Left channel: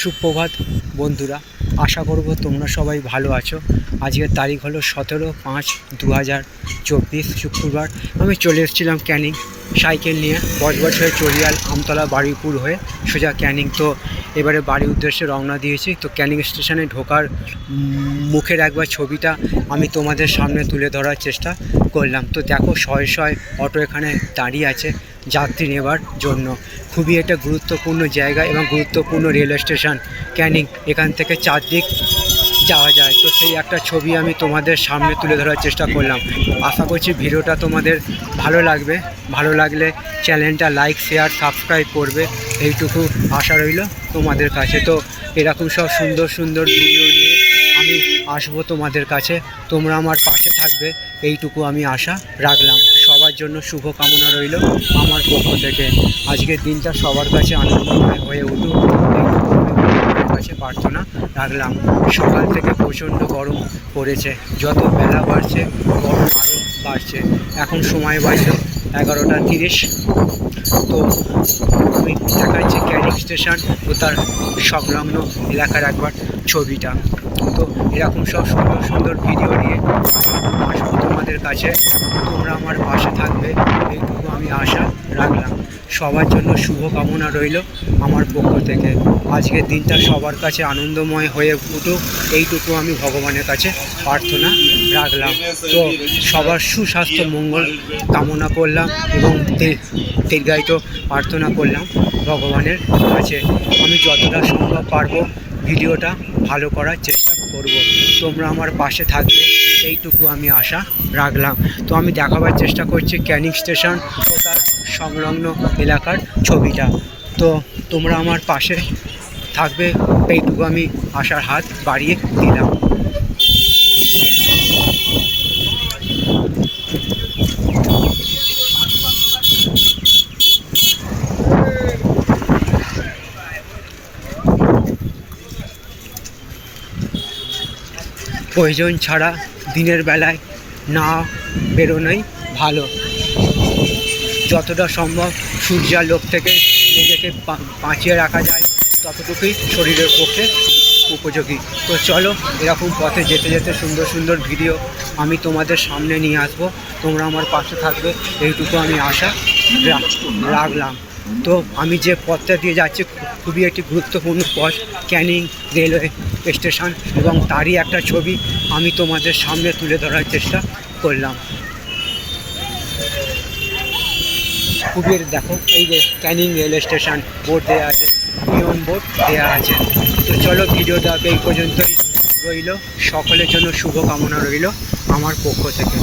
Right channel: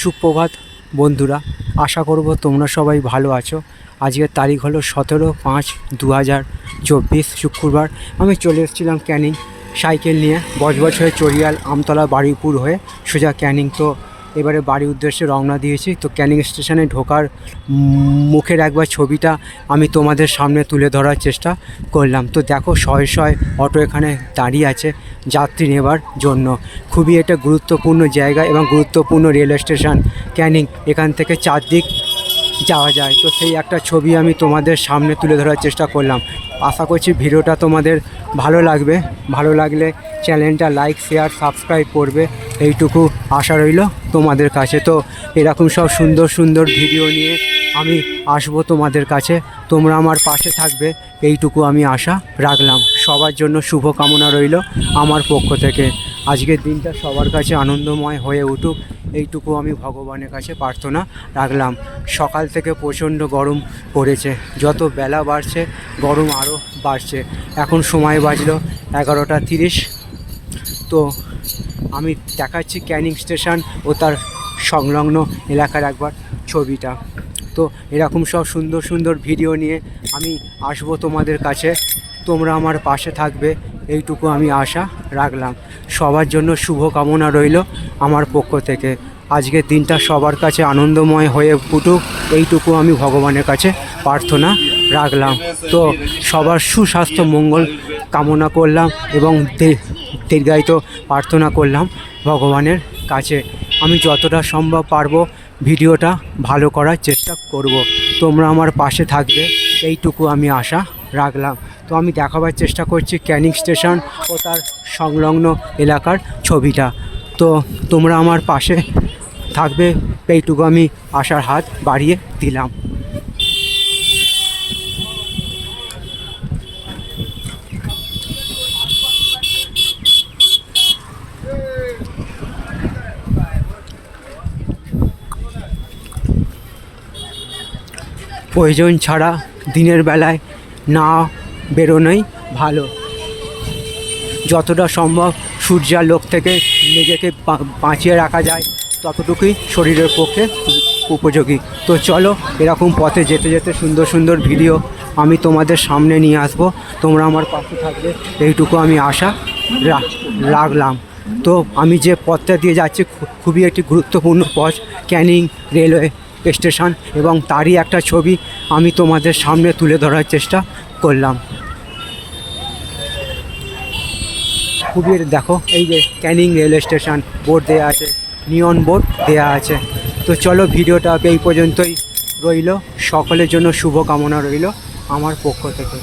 সুপ্রভাত, বন্ধুরা, আশা করব তোমরা সবাই ভালো আছো। আজকের তারিখ হলো সতেরো পাঁচ দু হাজার চব্বিশ শুক্রবার। আমি চলে এসেছিলাম ক্যানিং সাইকেল নিয়ে। বজবজ হয়ে চরিয়াল আমতলা বারুইপুর হয়ে সোজা ক্যানিং। তো এবারে বাড়ির উদ্দেশ্যে রওনা দিয়েছি। তো ক্যানিং স্টেশনে ঢোকার মুখের একবার ছবিটা আমি তোমাদের সামনে তুলে ধরার চেষ্টা করলাম। তো দেখো, শয়ে শয়ে অটো এখানে দাঁড়িয়ে আছে। যাত্রী নেবার জন্য। খুবই এটা গুরুত্বপূর্ণ জায়গা এবং গুরুত্বপূর্ণ রেলওয়ে স্টেশন। ক্যানিং, এখান থেকে চারদিক যাওয়া যায়। তো সেই একটা ছবি আমি তোমাদের সামনে তুলে ধরার চেষ্টা করলাম। আশা করছি ভিডিওটা তোমাদের ভালো লাগবে। ভালো লাগলে চ্যানেলটা লাইক, শেয়ার, সাবস্ক্রাইব করবে। এইটুকু আশা রইল তোমাদের কাছে। তো এরকম সব সুন্দর সুন্দর ভিডিও নিয়ে আমি আসব তোমাদের কাছে। তোমরা আমার পাশে থাকবে। এইটুকু আমি আশা রাখলাম। সবার জন্য শুভ কামনা রইল আমার পক্ষ থেকে। আজকের দিনটা সবার কাছে আনন্দময় হয়ে উঠুক। এইটুকু আমি কাছে প্রার্থনা রাখলাম। সকাল থেকে প্রচণ্ড গরম পড়েছে। যত বেলা বাড়ছে, গরম আরও বাড়ছে। এখন সময় বাজলো এগারোটা তিরিশ। তো আমি দেখাচ্ছি ক্যানিং স্টেশন ও তার সংলগ্ন এলাকার একবার ছবিটা। তো এরকম সব সুন্দর সুন্দর ভিডিও নিয়ে আমি আসব তোমাদের কাছে। তোমরা আমার পাশে থাকবে, এইটুকু আমি আশা রাখলাম। সবার জন্য শুভ কামনা রইল আমার পক্ষ থেকে। আজকের দিনটা সবার কাছে আনন্দময় হয়ে ফুটুক এইটুকু আমি ভগবানের কাছে প্রার্থনা রাখলাম। তো সবার সুস্বাস্থ্য, মঙ্গল কামনা করলাম এবং দীর্ঘায়িত প্রার্থনা করলাম ভগবানের কাছে। আমি যতটা সম্ভব পারব ভিডিওটা ভালো করার চেষ্টা করব। তোমরা আমার পাশে থাকবে। এইটুকু আমি আশা রাখলাম। তো আমি দেখাবার চেষ্টা করছি ক্যানিং স্টেশন ও তার সংলগ্ন এলাকার ছবিটা। তো তোমরা আমার পাশে থাকবে। এইটুকু আমি আশার হাত বাড়িয়ে দিলাম। প্রয়োজন ছাড়া দিনের বেলায় না বেরোনোই ভালো। যতটা সম্ভব সূর্যালোক থেকে নিজেকে বাঁচিয়ে রাখা যায়, ততটুকুই শরীরের পক্ষে উপযোগী। তো চলো, এরকম পথে যেতে যেতে সুন্দর সুন্দর ভিডিও আমি তোমাদের সামনে নিয়ে আসব। তোমরা আমার পাশে থাকবে, এইটুকু আমি আশা রাখলাম। তো আমি যে পথটা দিয়ে যাচ্ছি, খুবই একটি গুরুত্বপূর্ণ পথ, ক্যানিং রেলওয়ে। স্টেশন এবং তারই একটা ছবি আমি তোমাদের সামনে তুলে ধরার চেষ্টা করলাম। খুবই দেখো, এই যে ক্যানিং রেল স্টেশন, বোর্ড দেওয়া আছে, নিয়ন বোর্ড দেওয়া আছে। তো চলো ভিডিওটা এই পর্যন্তই রইল। সকলের জন্য শুভকামনা রইল আমার পক্ষ থেকে।